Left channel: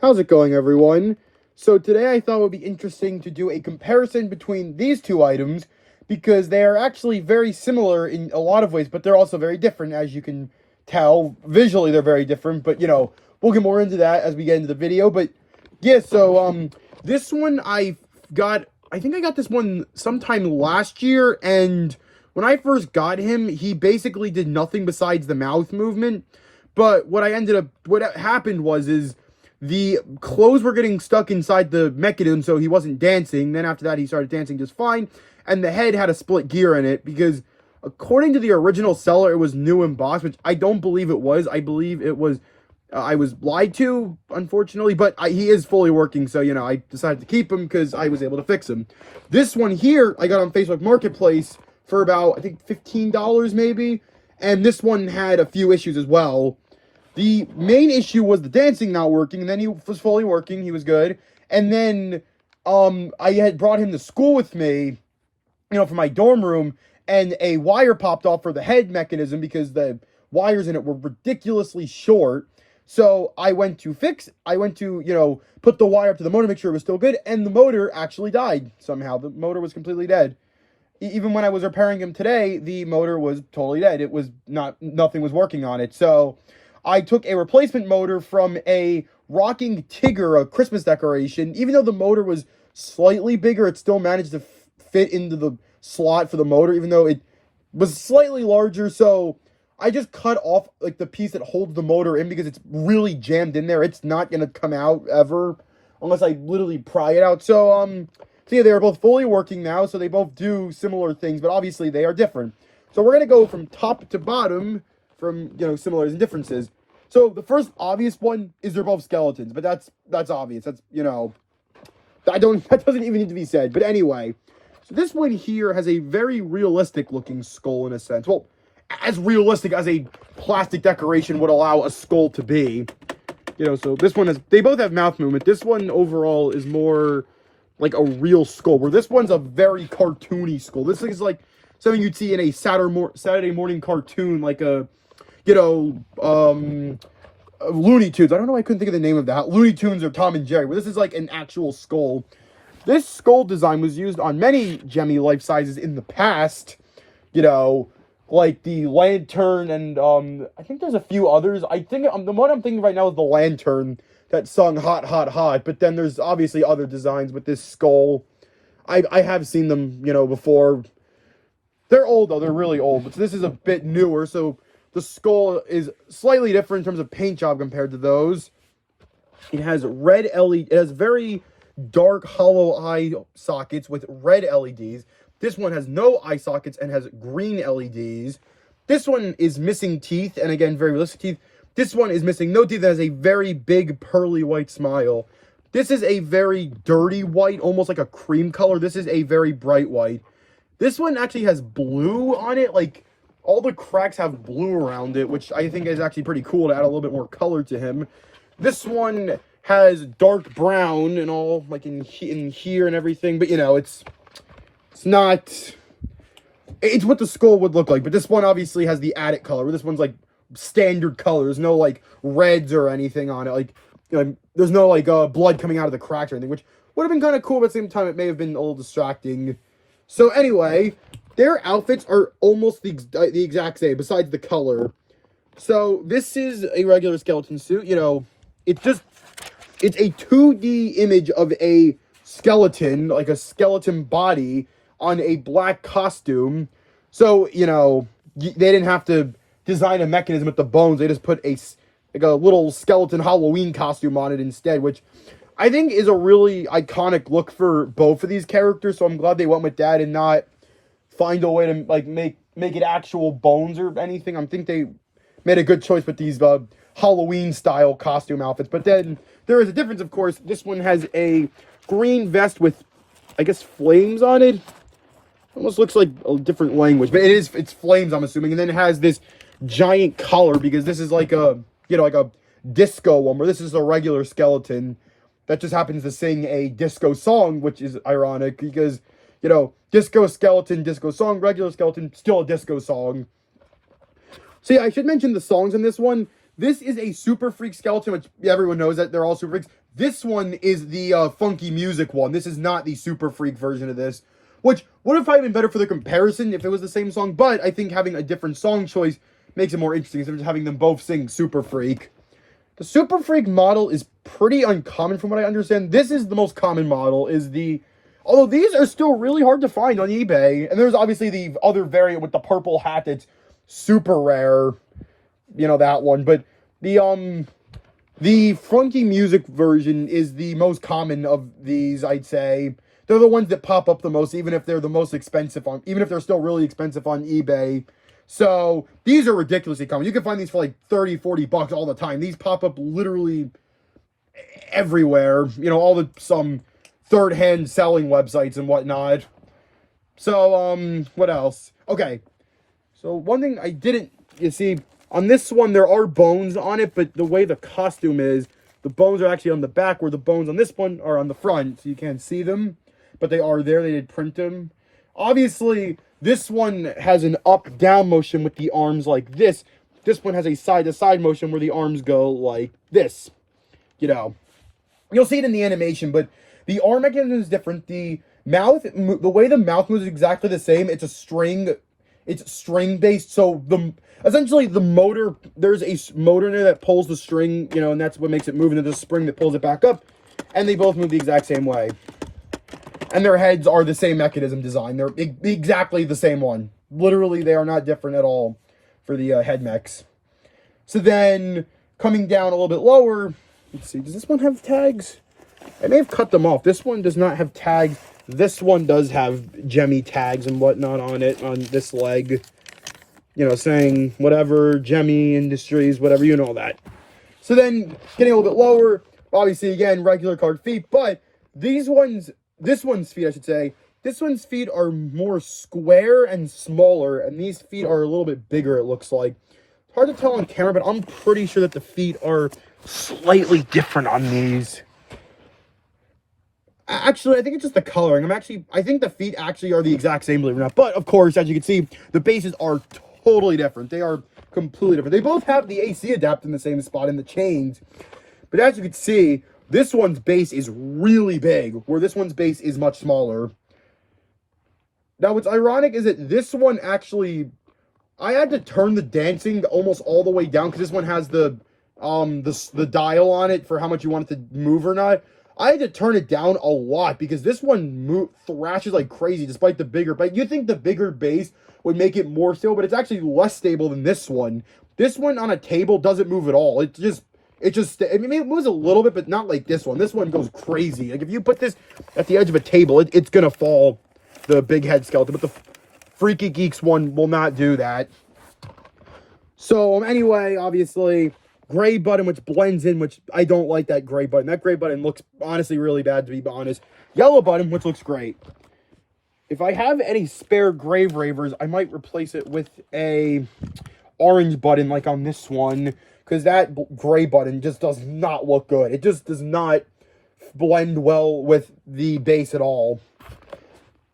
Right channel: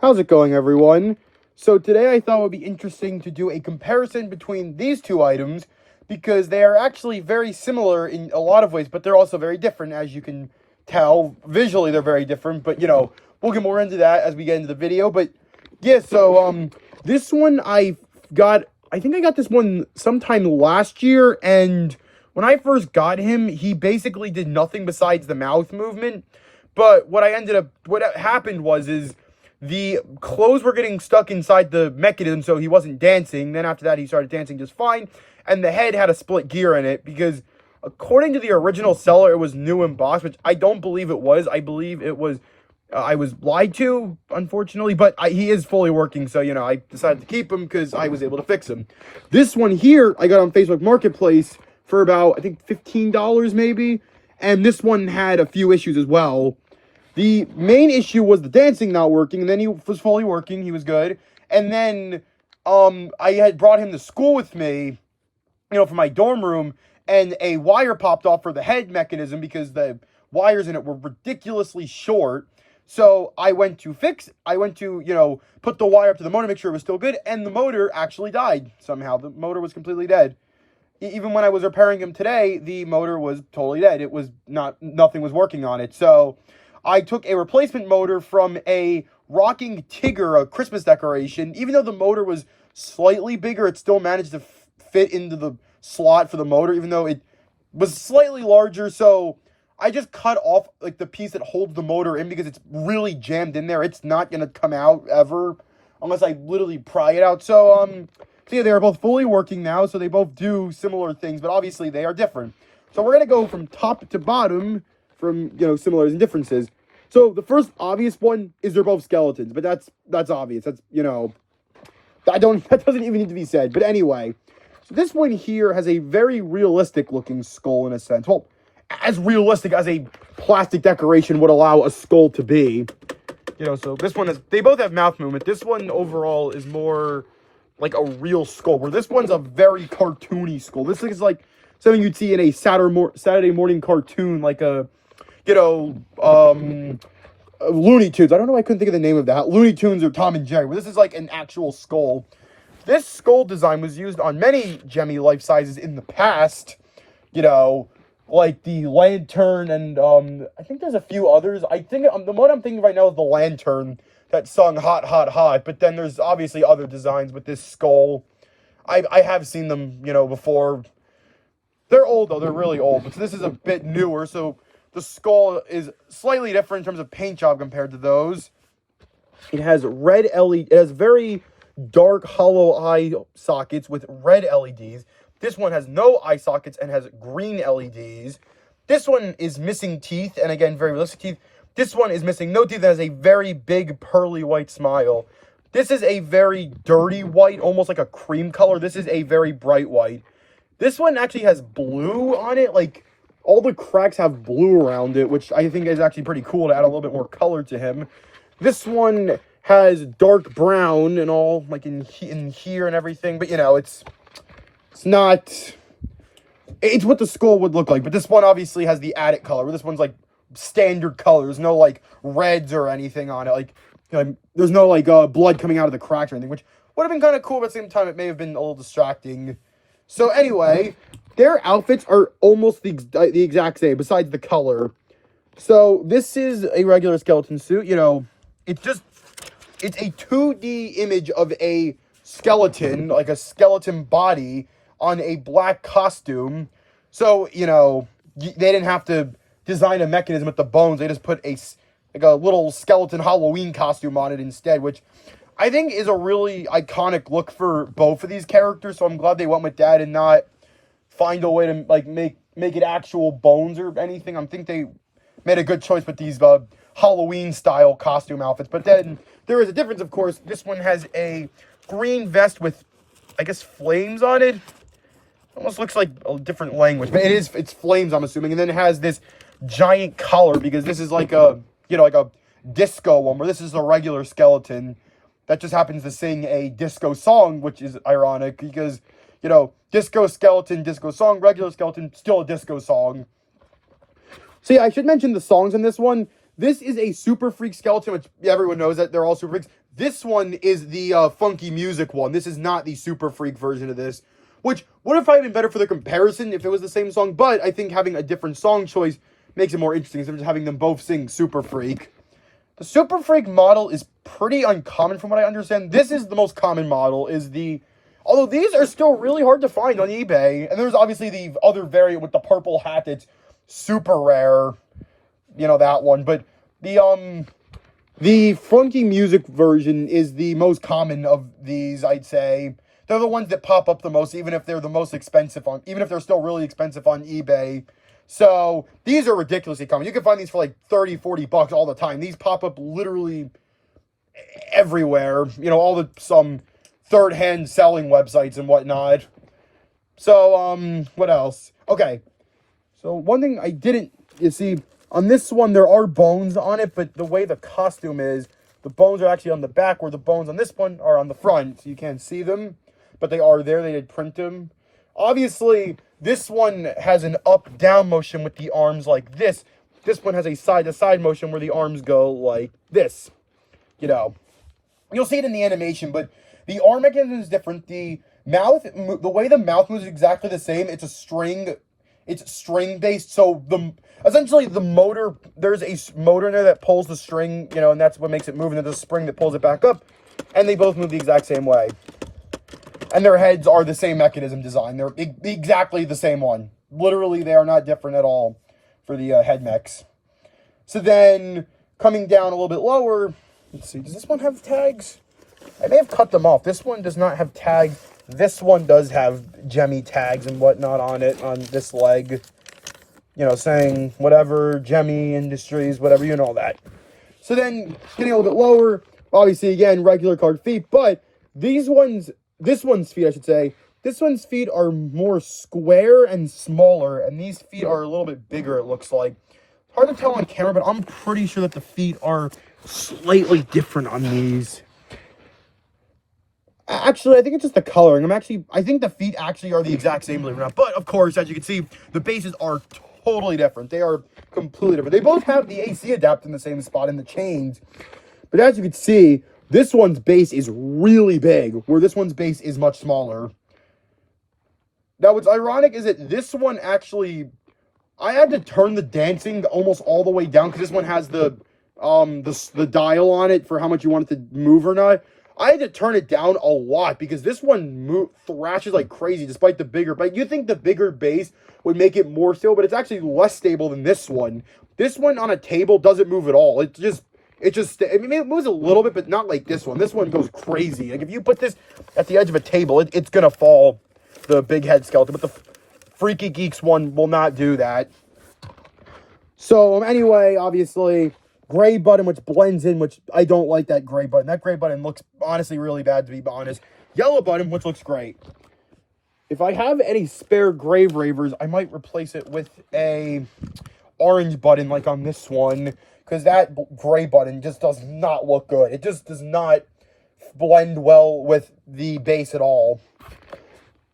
How's it going, everyone? So today I thought it would be interesting to do a comparison between these two items because they are actually very similar in a lot of ways, but they're also very different, as you can tell. Visually, they're very different, but, we'll get more into that as we get into the video. But, yeah, so, this one I think I got this one sometime last year, and when I first got him, he basically did nothing besides the mouth movement. But what happened was the clothes were getting stuck inside the mechanism, so he wasn't dancing. Then after that, he started dancing just fine. And the head had a split gear in it because, according to the original seller, it was new embossed, which I don't believe it was. I believe it was, I was lied to, unfortunately. But he is fully working, so, I decided to keep him because I was able to fix him. This one here, I got on Facebook Marketplace for about, I think, $15 maybe. And this one had a few issues as well. The main issue was the dancing not working, and then he was fully working, he was good. And then, I had brought him to school with me, for my dorm room, and a wire popped off for the head mechanism because the wires in it were ridiculously short. So I went to put the wire up to the motor, make sure it was still good, and the motor actually died somehow. The motor was completely dead. Even when I was repairing him today, the motor was totally dead. It was nothing was working on it. So I took a replacement motor from a rocking Tigger, a Christmas decoration. Even though the motor was slightly bigger, it still managed to fit into the slot for the motor, even though it was slightly larger. So I just cut off the piece that holds the motor in because it's really jammed in there. It's not going to come out ever unless I literally pry it out. So yeah, they are both fully working now, so they both do similar things, but obviously they are different. So we're going to go from top to bottom from, similarities and differences. So the first obvious one is they're both skeletons, but that's obvious. That's, that doesn't even need to be said. But anyway, so this one here has a very realistic looking skull in a sense. Well, as realistic as a plastic decoration would allow a skull to be. So this one they both have mouth movement. This one overall is more like a real skull, where this one's a very cartoony skull. This is like something you'd see in a Saturday morning cartoon, like a, Looney Tunes. I don't know, I couldn't think of the name of that. Looney Tunes or Tom and Jerry, but this is like an actual skull. This skull design was used on many Gemmy life sizes in the past, like the Lantern, and I think there's a few others. I think the one I'm thinking right now is the Lantern that sung Hot, Hot, Hot, but then there's obviously other designs with this skull. I have seen them, before. They're old, though. They're really old, but this is a bit newer, so the skull is slightly different in terms of paint job compared to those. It has red LED. It has very dark hollow eye sockets with red LEDs. This one has no eye sockets and has green LEDs. This one is missing teeth, and again, very realistic teeth. This one is missing no teeth and has a very big pearly white smile. This is a very dirty white, almost like a cream color. This is a very bright white. This one actually has blue on it, like all the cracks have blue around it, which I think is actually pretty cool to add a little bit more color to him. This one has dark brown and all, like in here and everything, but it's not, it's what the skull would look like. But this one obviously has the added color. This one's like standard colors, no like reds or anything on it. Like, there's no like blood coming out of the cracks or anything, which would have been kind of cool, but at the same time, it may have been a little distracting. So anyway, their outfits are almost the exact same, besides the color. So this is a regular skeleton suit. It's a 2D image of a skeleton, like a skeleton body on a black costume. So, they didn't have to design a mechanism with the bones. They just put a little skeleton Halloween costume on it instead, which I think is a really iconic look for both of these characters. So I'm glad they went with that and not find a way to make it actual bones or anything. I think they made a good choice with these Halloween style costume outfits. But then there is a difference, of course. This one has a green vest with, I guess, flames on it. Almost looks like a different language, but it's flames, I'm assuming. And then it has this giant collar, because this is like a, like a disco one, where this is a regular skeleton that just happens to sing a disco song, which is ironic because, disco skeleton, disco song, regular skeleton, still a disco song. So yeah, I should mention the songs in this one. This is a Super Freak skeleton, which everyone knows that they're all Super Freaks. This one is the funky music one. This is not the Super Freak version of this, which would have probably been better for the comparison if it was the same song, but I think having a different song choice makes it more interesting instead of just having them both sing Super Freak. The Super Freak model is pretty uncommon from what I understand. This is the most common model, although these are still really hard to find on eBay. And there's obviously the other variant with the purple hat that's super rare. You know, that one. But the funky music version is the most common of these, I'd say. They're the ones that pop up the most, even if they're the most expensive even if they're still really expensive on eBay. So, these are ridiculously common. You can find these for like 30, 40 bucks all the time. These pop up literally everywhere. You know, all some third-hand selling websites and whatnot. So, what else? Okay. So, one thing I didn't, you see, on this one, there are bones on it, but the way the costume is, the bones are actually on the back, where the bones on this one are on the front, so you can't see them. But they are there. They did print them. Obviously, this one has an up-down motion with the arms like this. This one has a side-to-side motion where the arms go like this. You know, you'll see it in the animation, but the arm mechanism is different. The way the mouth moves is exactly the same. It's string-based, so essentially the motor, there's a motor in there that pulls the string, you know, and that's what makes it move, and there's a spring that pulls it back up, and they both move the exact same way. And their heads are the same mechanism design. They're exactly the same one. Literally, they are not different at all for the head mechs. So then, coming down a little bit lower, let's see, does this one have tags? I may have cut them off. This one does not have tags. This one does have Gemmy tags and whatnot on it, on this leg. You know, saying whatever, Gemmy Industries, whatever, you know that. So then, getting a little bit lower, obviously, again, regular card feet, but this one's feet, I should say, this one's feet are more square and smaller, and these feet are a little bit bigger, it looks like. It's hard to tell on camera, but I'm pretty sure that the feet are slightly different on these. Actually, I think it's just the coloring. I think the feet actually are the exact same, believe it or not. But, of course, as you can see, the bases are totally different. They are completely different. They both have the AC adapter in the same spot in the chains. But as you can see, this one's base is really big, where this one's base is much smaller. Now, what's ironic is that this one actually, I had to turn the dancing almost all the way down, because this one has the dial on it for how much you want it to move or not. I had to turn it down a lot, because this one thrashes like crazy, despite the bigger, but you think the bigger base would make it more stable, but it's actually less stable than this one. This one on a table doesn't move at all. It moves a little bit, but not like this one. This one goes crazy. Like, if you put this at the edge of a table, it's going to fall, the big head skeleton. But the Freaky Geeks one will not do that. So, anyway, obviously, gray button, which blends in, which I don't like that gray button. That gray button looks, honestly, really bad, to be honest. Yellow button, which looks great. If I have any spare Grave Ravers, I might replace it with a orange button, like on this one. Because that gray button just does not look good. It just does not blend well with the base at all.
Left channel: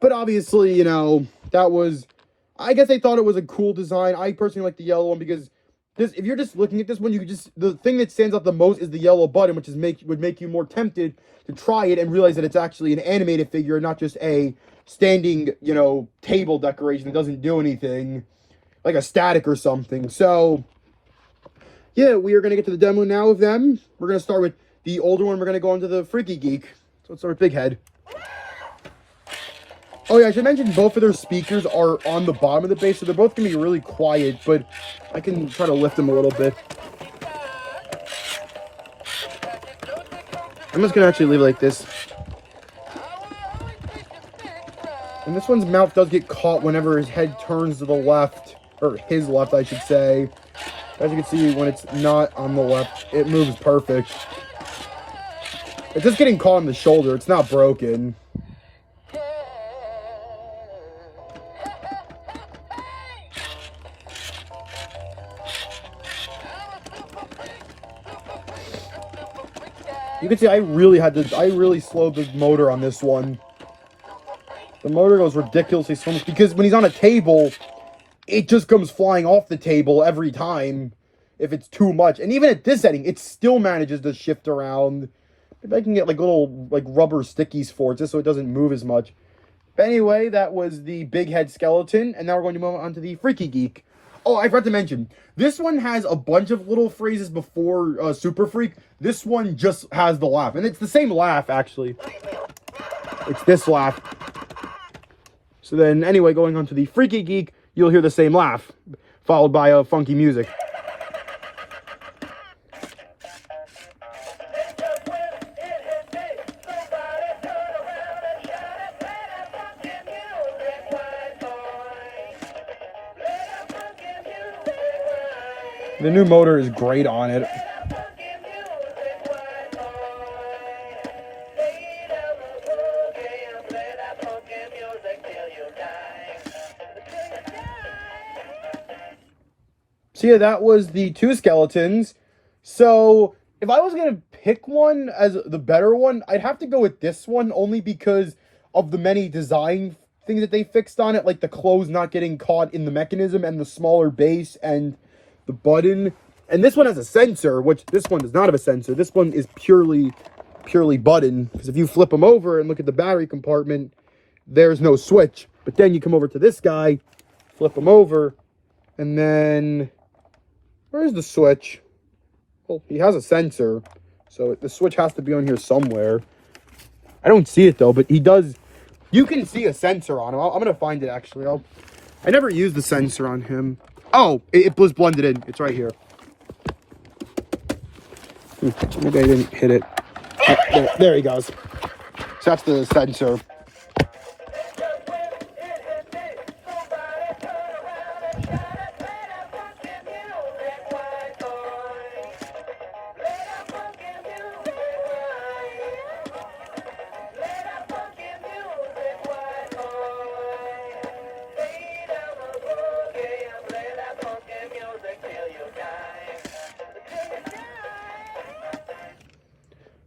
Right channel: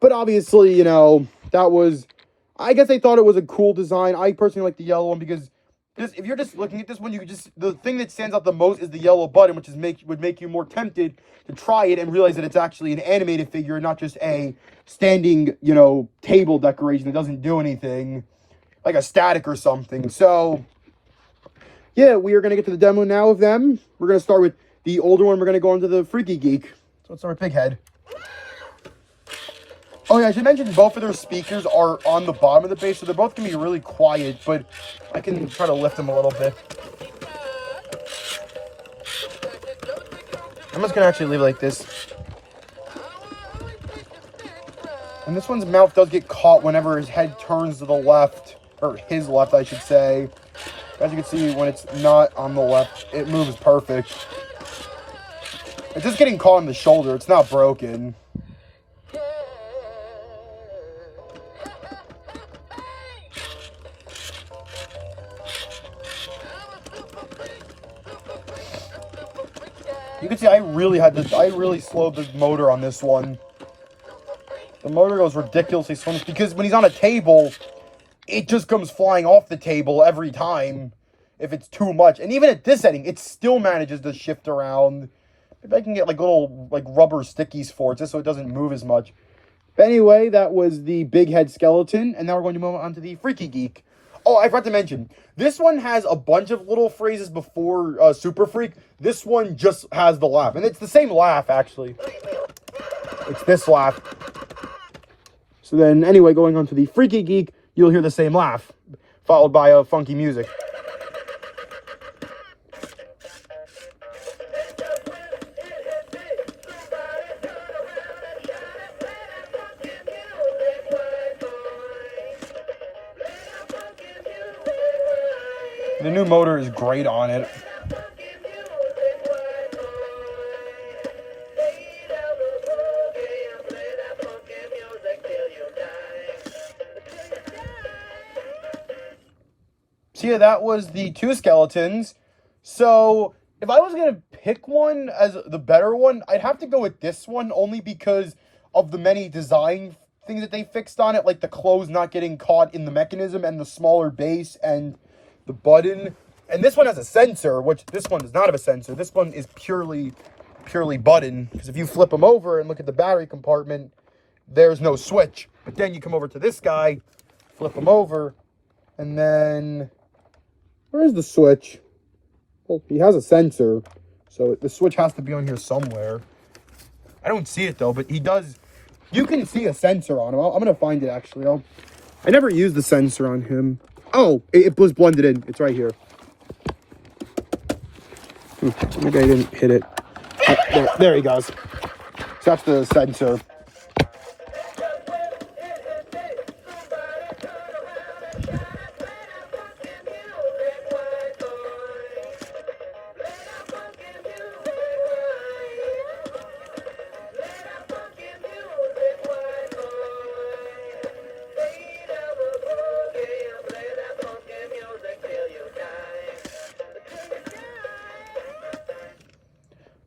But obviously, you know, I guess I thought it was a cool design. I personally like the yellow one because if you're just looking at this one, the thing that stands out the most is the yellow button, which would make you more tempted to try it and realize that it's actually an animated figure, not just a standing, you know, table decoration that doesn't do anything, like a static or something. So, yeah, we are going to get to the demo now of them. We're going to start with the older one. We're going to go into the Freaky Geek. So let's start with Big Head. Oh, yeah, I should mention both of their speakers are on the bottom of the base, so they're both going to be really quiet, but I can try to lift them a little bit. I'm just going to actually leave it like this. And this one's mouth does get caught whenever his head turns to the left, or his left, I should say. As you can see, when it's not on the left, it moves perfect. It's just getting caught on the shoulder. It's not broken. You can see I really slowed the motor on this one. The motor goes ridiculously slow because when he's on a table, it just comes flying off the table every time. if it's too much. And even at this setting, it still manages to shift around. Maybe I can get like little like rubber stickies for it just so it doesn't move as much. But anyway, that was the big head skeleton, and now we're going to move on to the Freaky Geek. Oh, I forgot to mention, this one has a bunch of little phrases before Super Freak. This one just has the laugh, and it's the same laugh, actually. It's this laugh. So then, anyway, going on to the Freaky Geek, you'll hear the same laugh, followed by funky music. The new motor is great on it. So yeah, that was the two skeletons. So if I was going to pick one as the better one, I'd have to go with this one, only because of the many design things that they fixed on it, like the clothes not getting caught in the mechanism and the smaller base and the button. And this one has a sensor, which this one does not have a sensor. This one is purely button, because if you flip them over and look at the battery compartment, there's no switch. But then you come over to this guy, flip him over, and then where's the switch? Well, he has a sensor, so the switch has to be on here somewhere. I don't see it though, but he does. You can see a sensor on him. I'm gonna find it actually. I never used the sensor on him. Oh, it was blended in. It's right here. Maybe I didn't hit it. Oh, there he goes. So that's the sensor.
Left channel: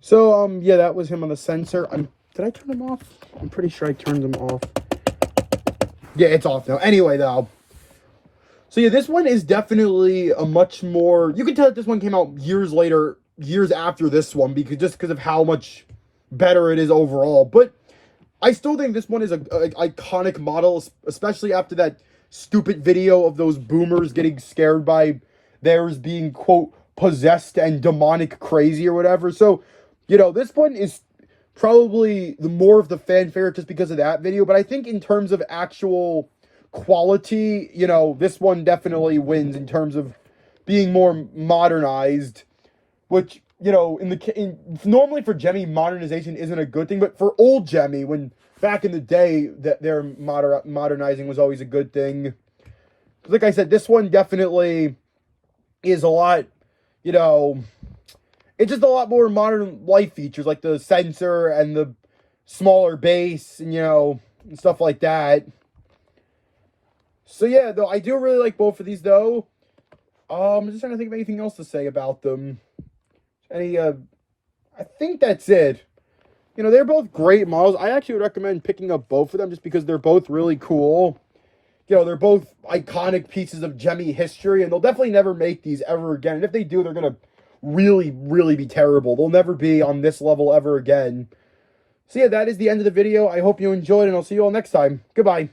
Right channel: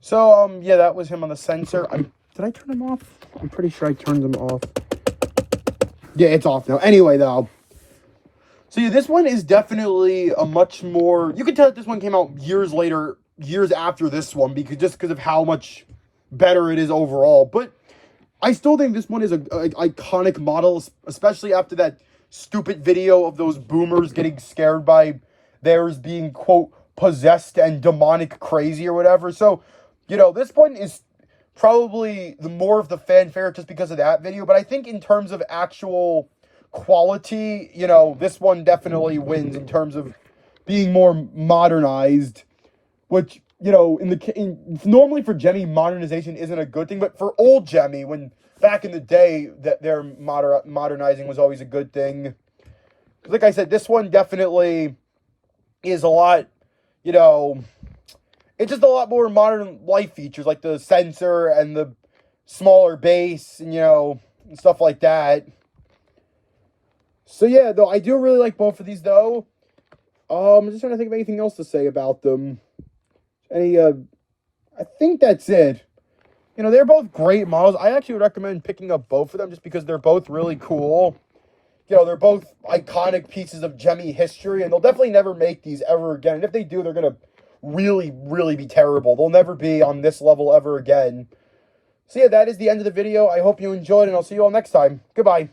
So, yeah, that was him on the sensor. Did I turn him off? I'm pretty sure I turned him off. Yeah, it's off now. Anyway, though. So, yeah, this one is definitely a much more... You can tell that this one came out years later, years after this one, because of how much better it is overall. But I still think this one is an iconic model, especially after that stupid video of those boomers getting scared by theirs being, quote, possessed and demonic crazy or whatever. So... You know, this one is probably the more of the fan favorite just because of that video. But I think in terms of actual quality, you know, this one definitely wins in terms of being more modernized. Which, you know, normally for Gemmy, modernization isn't a good thing. But for old Gemmy, when back in the day, that their modernizing was always a good thing. Like I said, this one definitely is a lot, you know... It's just a lot more modern life features, like the sensor and the smaller base and, you know, and stuff like that. So, yeah, though, I do really like both of these, though. I'm just trying to think of anything else to say about them. I think that's it. You know, they're both great models. I actually would recommend picking up both of them just because they're both really cool. You know, they're both iconic pieces of Gemmy history, and they'll definitely never make these ever again. And if they do, they're going to really be terrible. They'll never be on this level ever again. So yeah, that is the end of the video. I hope you enjoyed, and I'll see you all next time. Goodbye.